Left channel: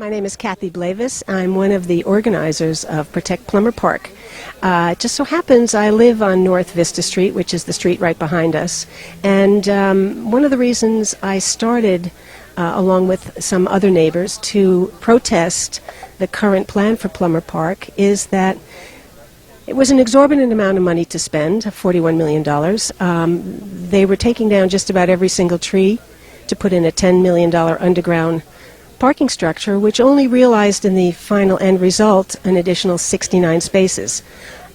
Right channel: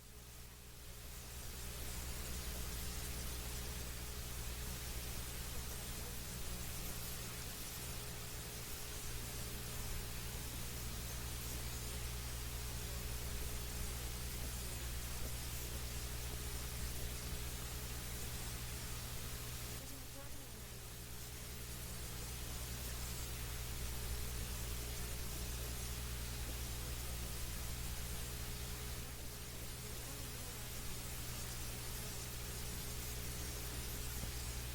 My name is Cathy Blaivas. I'm one of the organizers of Protect Plummer Park. It just so happens I live on North Vista Street, which is the street right behind us. And one of the reasons I started, along with some other neighbors, to protest the current plan for Plummer Park is that it was an exorbitant amount of money to spend, $41 million. They were taking down just about every single tree to put in a $10 million underground parking structure, which only realized in the final end result an additional 69 spaces.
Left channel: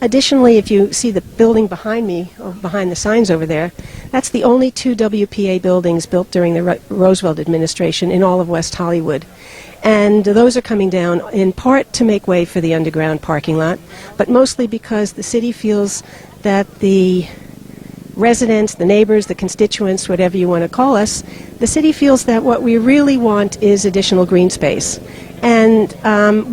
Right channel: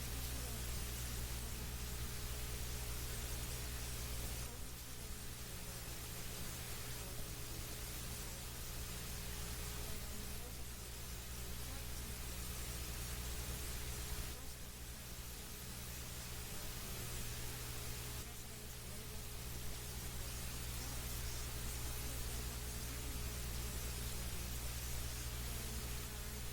Additionally, if you see the building behind me, or behind the signs over there, that's the only two WPA buildings built during the Roosevelt administration in all of West Hollywood. And those are coming down in part to make way for the underground parking lot, but mostly because the city feels that the residents, the neighbors, the constituents, whatever you want to call us, the city feels that what we really want is additional green space. And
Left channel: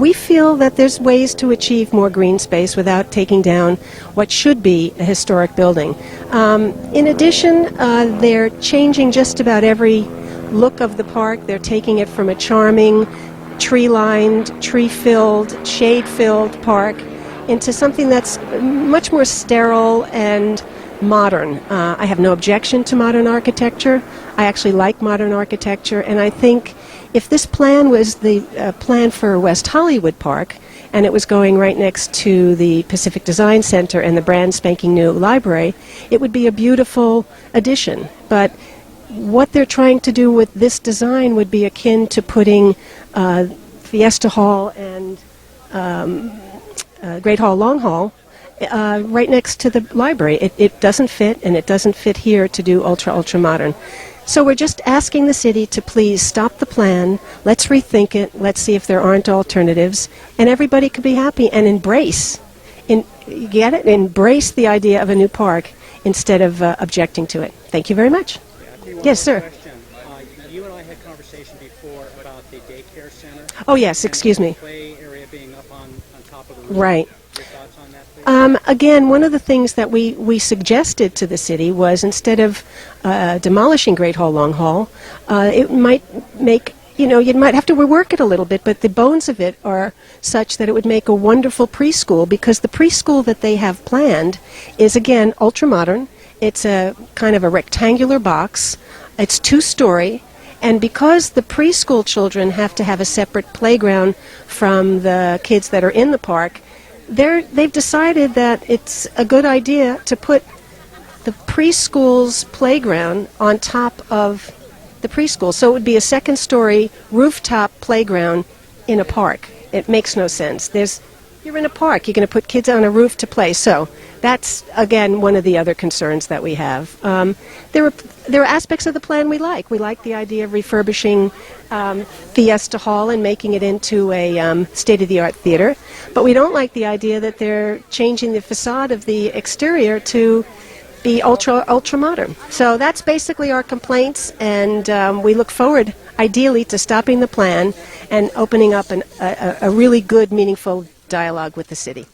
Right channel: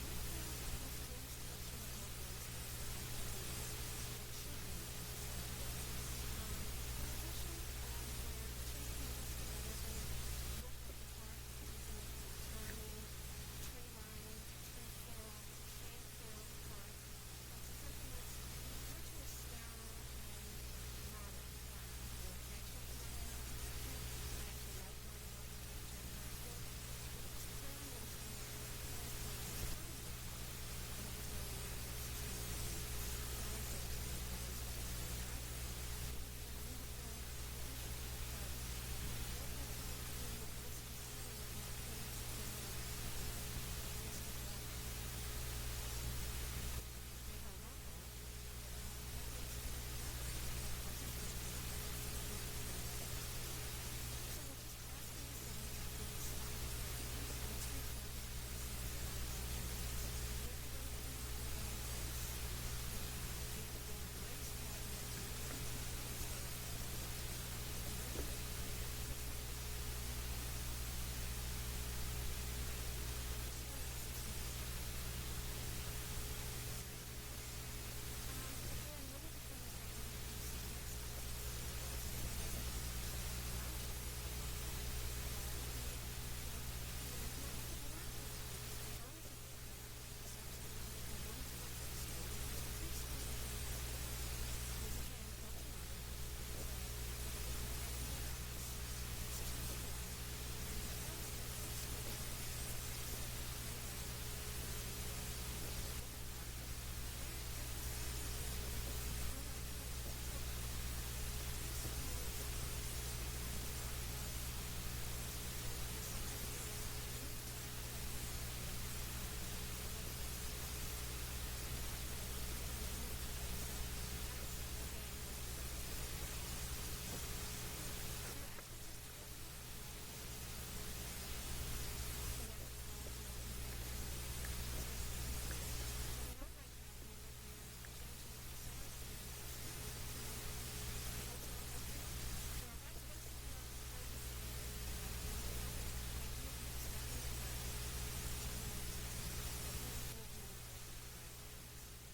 we feel that there's ways to achieve more green space without taking down what should be a historic building. In addition, they're changing just about every look of the park. They're taking it from a charming, tree-lined, tree-filled, shade-filled park into something that's much more sterile and modern. I have no objection to modern architecture. I actually like modern architecture, and I think if this plan was the plan for West Hollywood Park, and it was going right next to the Pacific Design Center and the brand spanking new library, it would be a beautiful addition. But what they're trying to do with this design would be akin to putting Fiesta Hall and Great Hall, Long Hall right next to the library. It doesn't fit, and it doesn't fit here to do ultra modern. So we're just asking the city to please stop the plan, let's rethink it, let's see if there aren't alternatives, and everybody could be happy and embrace, you get it? Embrace the idea of a new park instead of objecting to it. Thank you very much. Yes, sir. You and I had conversation before about the daycare center. Oh, yes, excuse me. Play area being up on top of the roof. Right. Your thoughts on that, please? Again, one of the things that we suggested to the city was instead of demolishing Great Hall, Long Hall, it might make, you might have to rework it a little bit, but the bones of it are such that it would make a wonderful preschool, because the preschool that they have planned is, again, ultra-modern. It's a kind of a rectangular box. It's two-story. And because the preschool children have to have a separate playground from the kids that are in the park, they've decided that it's a good idea to put the preschool's playground on top of the preschool. So it would be a second-story rooftop playground in a park. It makes no sense. You're in a park. You're going to put kids on a roof to play. So that's, again, one of the other concerns that we have. There are aspects of the plan we like. We like the idea of refurbishing Fiesta Hall and making it into a state-of-the-art theater. But we don't like the idea that they're changing the facade of the exterior to be ultra modern. So that's basically our complaints, and we look forward, ideally, to stopping the plan and opening up a really good, meaningful dialogue with the city.